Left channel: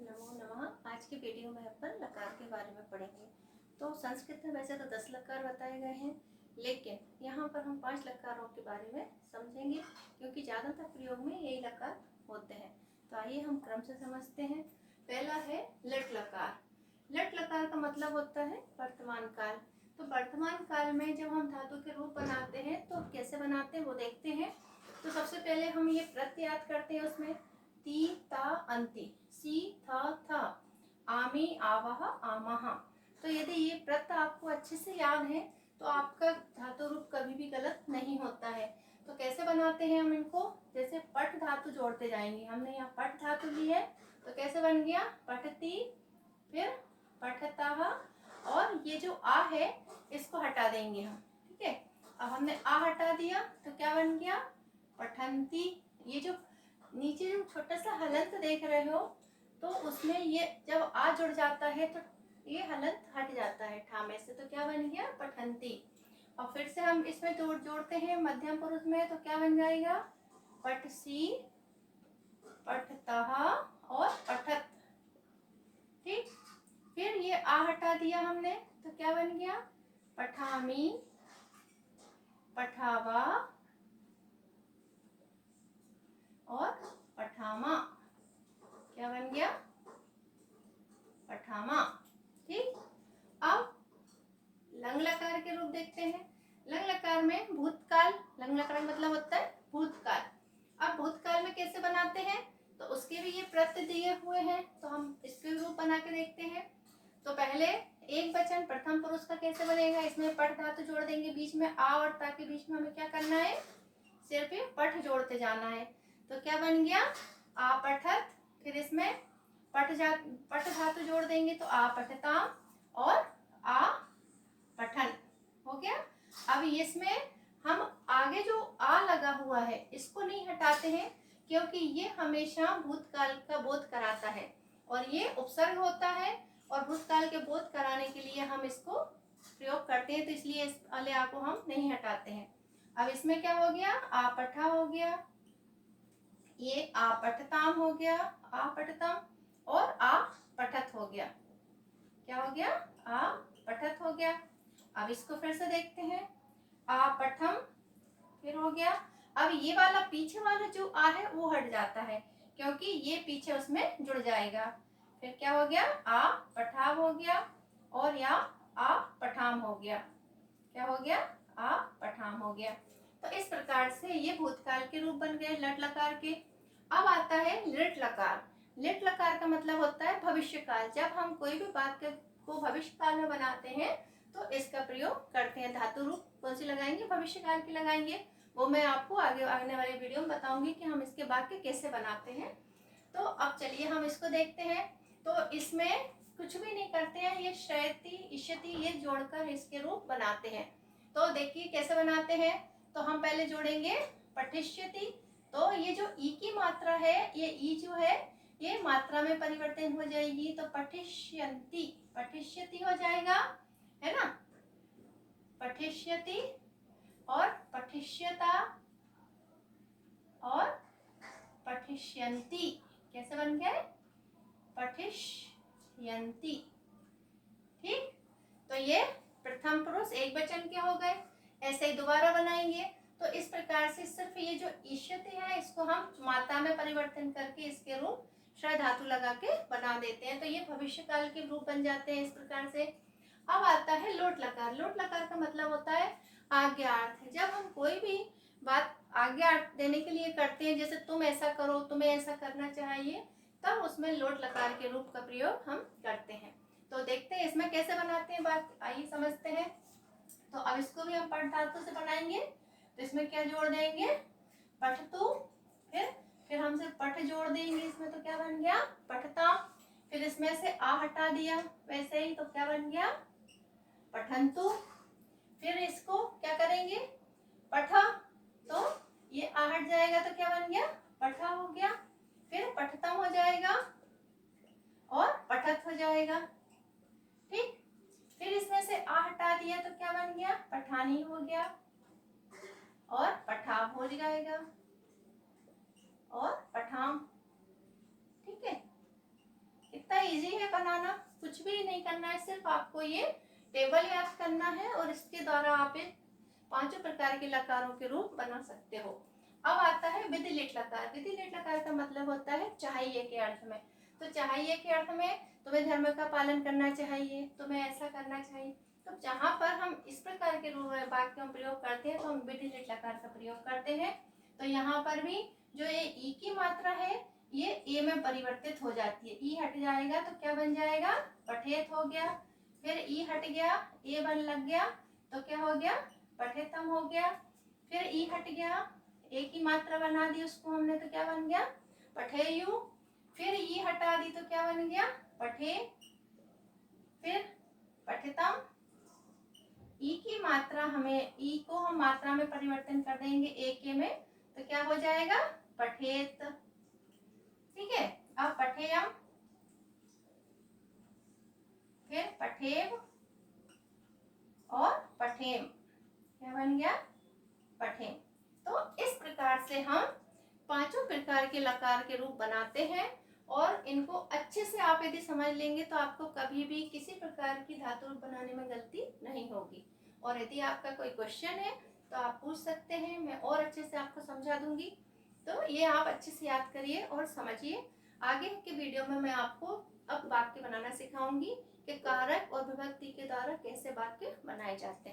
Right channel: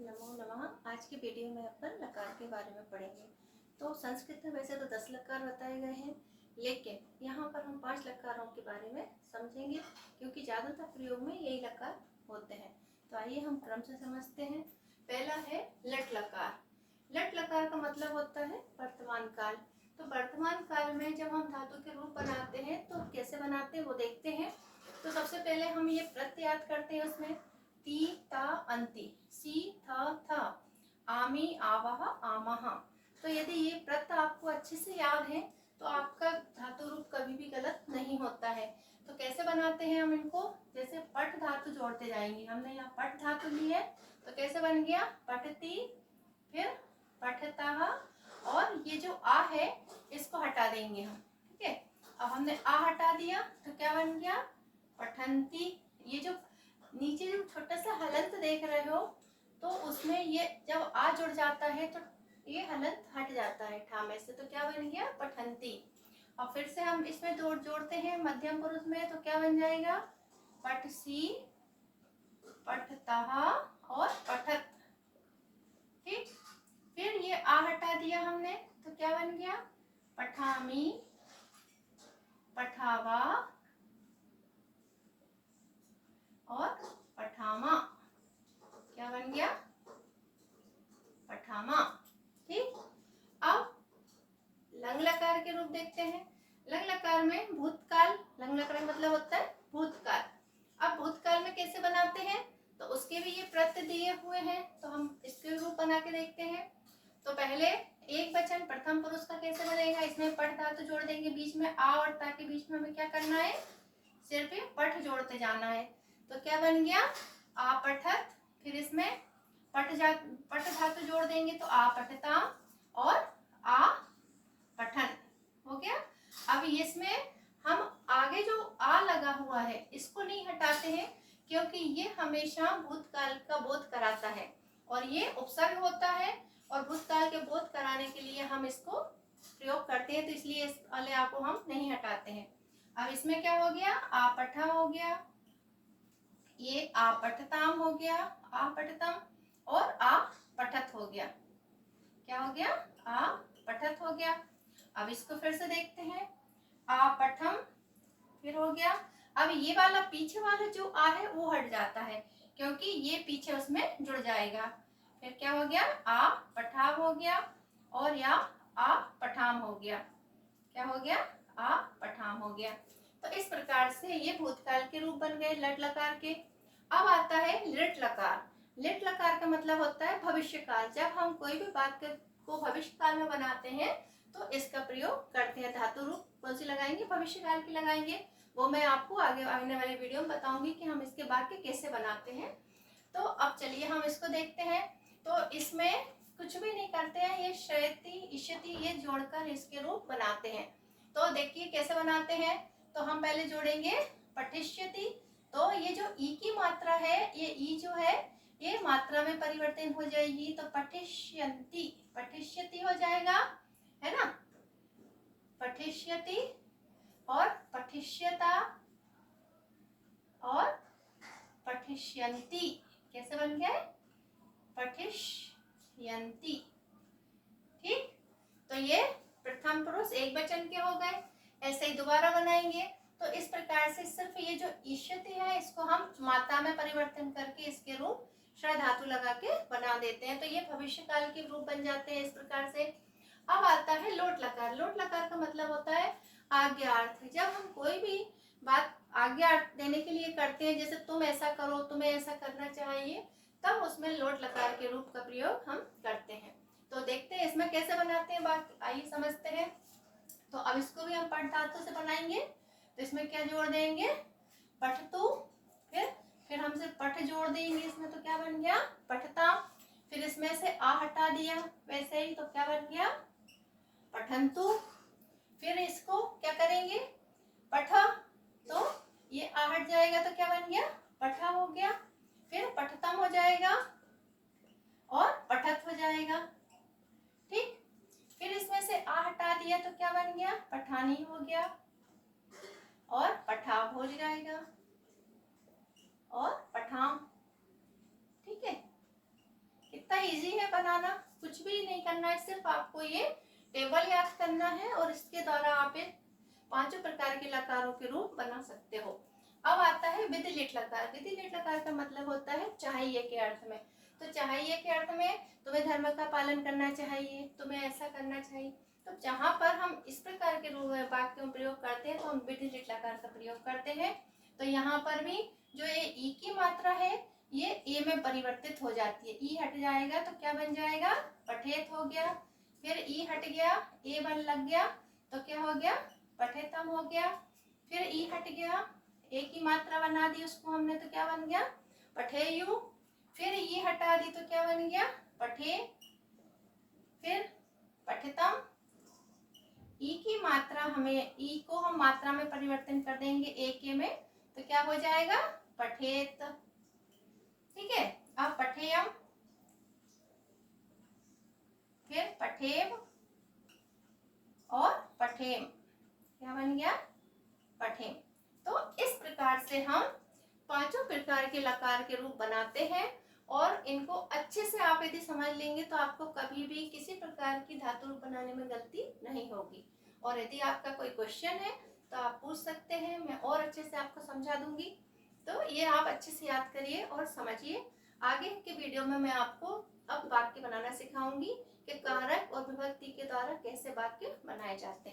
नमो नमः। आज की वीडियो में अपन लकार के बारे में पढ़ेंगे। तो संस्कृत में वैसे तो 10 लकार बताए गए हैं, लेकिन यहाँ पर हम 5 लकारों के बारे में समझेंगे, क्योंकि ज़्यादातर प्रयोग में यही लकार होते हैं। तो आइए हम क्रम से समझते हैं। पहला है लट लकार। लट लकार का मतलब होता है वर्तमान काल। तो वर्तमान काल में जब हम धातु के रूप बनाते हैं तो कैसे बनाते हैं वो देखते हैं। तो सबसे पहले हम ये प्रत्यय याद करते हैं। उसमें ती ता अंति, सी था, आमी आवह आमह। तो यदि ये प्रत्यय आपको अच्छे से याद है तो आपका धातु रूप कभी भी गलत नहीं होता है। तो कैसे बनाते हैं हम इनको, जैसे पठ धातु जोड़ते जाएंगे। हमने यहाँ पठ धातु ली है तो कैसे बन गया पठती, फिर पठता, और ये जो आ है इसको हटा देंगे हम। ठीक है, अब हमने आ हटा दिया तो क्या बन गया पठंती। ये जो नीचे जो छोटा सा हलंत देख रहे हो तो उसमें ये जब आ जुड़ जाता है तो ये हलंत हट जाता है ठामे से, तो क्या बन गया पठंती। और फिर से हम इसमें जोड़ते हैं मध्यम पुरुष में, तो क्या बन जाएगा पठसी, पठतः और पठत। ठीक, फिर ये आ हटा दिया हमने तो क्या बन गया पठामी, पठावा और पठामा। क्या बन गया पठामा। ठीक, अब लंग लकार के रूप देखते हैं। लंग लकार में भूतकाल, लंग लकार मतलब होता है भूतकाल। अब भूतकाल में कैसे बनाते हैं तो उसके भी ये प्रत्यय दिए हुए हैं, तो हम इसके रूप बना के देखते हैं। तो पहले एक वचन प्रथम पुरुष का कैसे बनेगा, इसमें पठ धातु जोड़ देंगे बीच में आ और ता के बीच में हमें क्या करना है सिर्फ पठ जोड़ते जाना है। तो क्या बन गया आ पठत, फिर इसमें पठ धातु जोड़ देंगे तो आ पठता और आ पठन हो गया। अब इसमें हम आगे जो आ लगा हुआ है इसको नहीं हटाते हैं, क्योंकि ये हमेशा भूतकाल का बोध कराता है और ये उपसर्ग होता है, और भूतकाल के बोध कराने के लिए हम इसको प्रयोग करते हैं, तो इसलिए इस वाले आ को हम नहीं हटाते हैं। अब इसमें क्या हो गया आ पठा हो गया, ये आ पठताम हो गया, आ पठतम, और आ पठत हो गया। क्या हो गया आ पठत हो गया। अब इसको फिर से देखते हैं, आ पठम फिर हो गया। अब ये वाला पीछे वाला जो आ है वो हट जाता है, क्योंकि ये पीछे उसमें जुड़ जाएगा। फिर क्या हो गया आ पठाव हो गया, और या आ पठाम हो गया। क्या हो गया आ पठाम हो गया। तो इस प्रकार से ये भूतकाल के रूप बन गए लट लकार के। अब आता है लिट लकार। लिट लकार का मतलब होता है भविष्य काल। जब हम कोई भी बात को भविष्य काल में बनाते हैं तो इसका प्रयोग करते हैं। धातु रूप कौन सी लगाएंगे भविष्य काल की लगाएंगे, वो मैं आपको आगे आने वाले वीडियो में बताऊंगी कि हम इसके वाक्य कैसे बनाते हैं। तो अब चलिए हम इसको देखते हैं। तो इसमें कुछ भी नहीं करते हैं, ये शयति इष्यति ये जोड़कर इसके रूप बनाते हैं। तो देखिए कैसे बनाते हैं। तो हम पहले जोड़ेंगे पठिष्यति। तो ये जो ई की मात्रा है, ये ई जो है ये मात्रा में परिवर्तन हो जाएगी, तो पठिष्यन्ति पठिष्यति हो जाएगा, है ना। पठिष्यति और पठिष्यता और पठिष्यन्ति कैसे बन गए पठिष्यन्ति। ठीक, तो ये प्रथम पुरुष एक वचन के हो गए। ऐसे ही दोबारा बनाएंगे। तो इस प्रकार से सिर्फ ये जो इष्यति है इसको हम मात्रा में परिवर्तन करके इसके रूप श्रय धातु लगा के बना देते हैं, तो ये भविष्य काल के रूप बन जाते हैं इस प्रकार से। अब आता है लोट लकार। लोट लकार का मतलब होता है आज्ञार्थ। जब हम कोई भी बात आज्ञा देने के लिए करते हैं, जैसे तुम ऐसा करो, तुम्हें ऐसा करना चाहिए, तब उसमें लोट लकार के रूप का प्रयोग हम करते हैं। तो देखते हैं इसमें कैसे बनाते हैं, बात आइए समझते हैं। तो अब इसको भी हम पठ धातु से बनाएंगे। तो इसमें क्या जोड़ देंगे पठतु, फिर हमसे पठ जोड़ देंगे इसमें, तो क्या बन गया पठता। फिर इसमें से आ हटा दिया वैसे ही, तो क्या बन गया पठंतु। फिर इसको क्या करेंगे पठा, तो ये आ हट जाएगा तो क्या बन गया पठा हो गया। फिर पठतम हो जाएगा और पठत हो जाएगा। ठीक, फिर इसमें से आ हटा दिया तो क्या बन गया पठानी हो गया, और पठाव हो जाएगा और पठाम। ठीक है, इजी है बनाना, कुछ भी नहीं करना है, सिर्फ आपको ये टेबल याद करना है और इसके द्वारा आप इन 5 प्रकार के लकारों के रूप बना सकते हो। अब आता है विधिलिट लकार। विधिलिट लकार का मतलब होता है चाहिए के अर्थ में। तो चाहिए के अर्थ में तुम्हें धर्म का पालन करना चाहिए, तुम्हें ऐसा करना चाहिए। तो जहाँ पर हम इस प्रकार के वाक्यों का प्रयोग करते हैं तो हम विधिलिट लकार का प्रयोग करते हैं। तो यहाँ पर भी जो ये ई की मात्रा है ये ए में परिवर्तित हो जाती है। ई हट जाएगा तो क्या बन जाएगा, पठेत हो गया। फिर ई हट गया, ए बन लग गया तो क्या हो गया, पठेतम हो गया। फिर ई हट गया, ए की मात्रा बना दी उसको हमने तो क्या बन गया, पठेयु। फिर ई हटा दी तो क्या बन गया, पठे। फिर पठितम। ई की मात्रा हमें, ई को हम मात्रा में परिवर्तन कर देंगे ए के में तो क्या हो जाएगा, पठेत। ठीक है, अब पठेयम, फिर पठेव और पठेम, क्या बन गया, पठेम। तो इस प्रकार से हम 5 प्रकार के लकार के रूप बनाते हैं और इनको अच्छे से आप यदि समझ लेंगे तो आपको कभी भी किसी प्रकार की धातु रूप बनाने में गलती नहीं होगी। और यदि आपका कोई क्वेश्चन है तो आप पूछ सकते हैं, मैं और अच्छे से आपको समझा दूंगी। तो ये आप अच्छे से याद करिए और समझिए। आगे के वीडियो में मैं आपको अब वाक्य बनाना सिखाऊंगी कि कारक और विभक्ति के द्वारा कैसे वाक्य बनाए जाते हैं।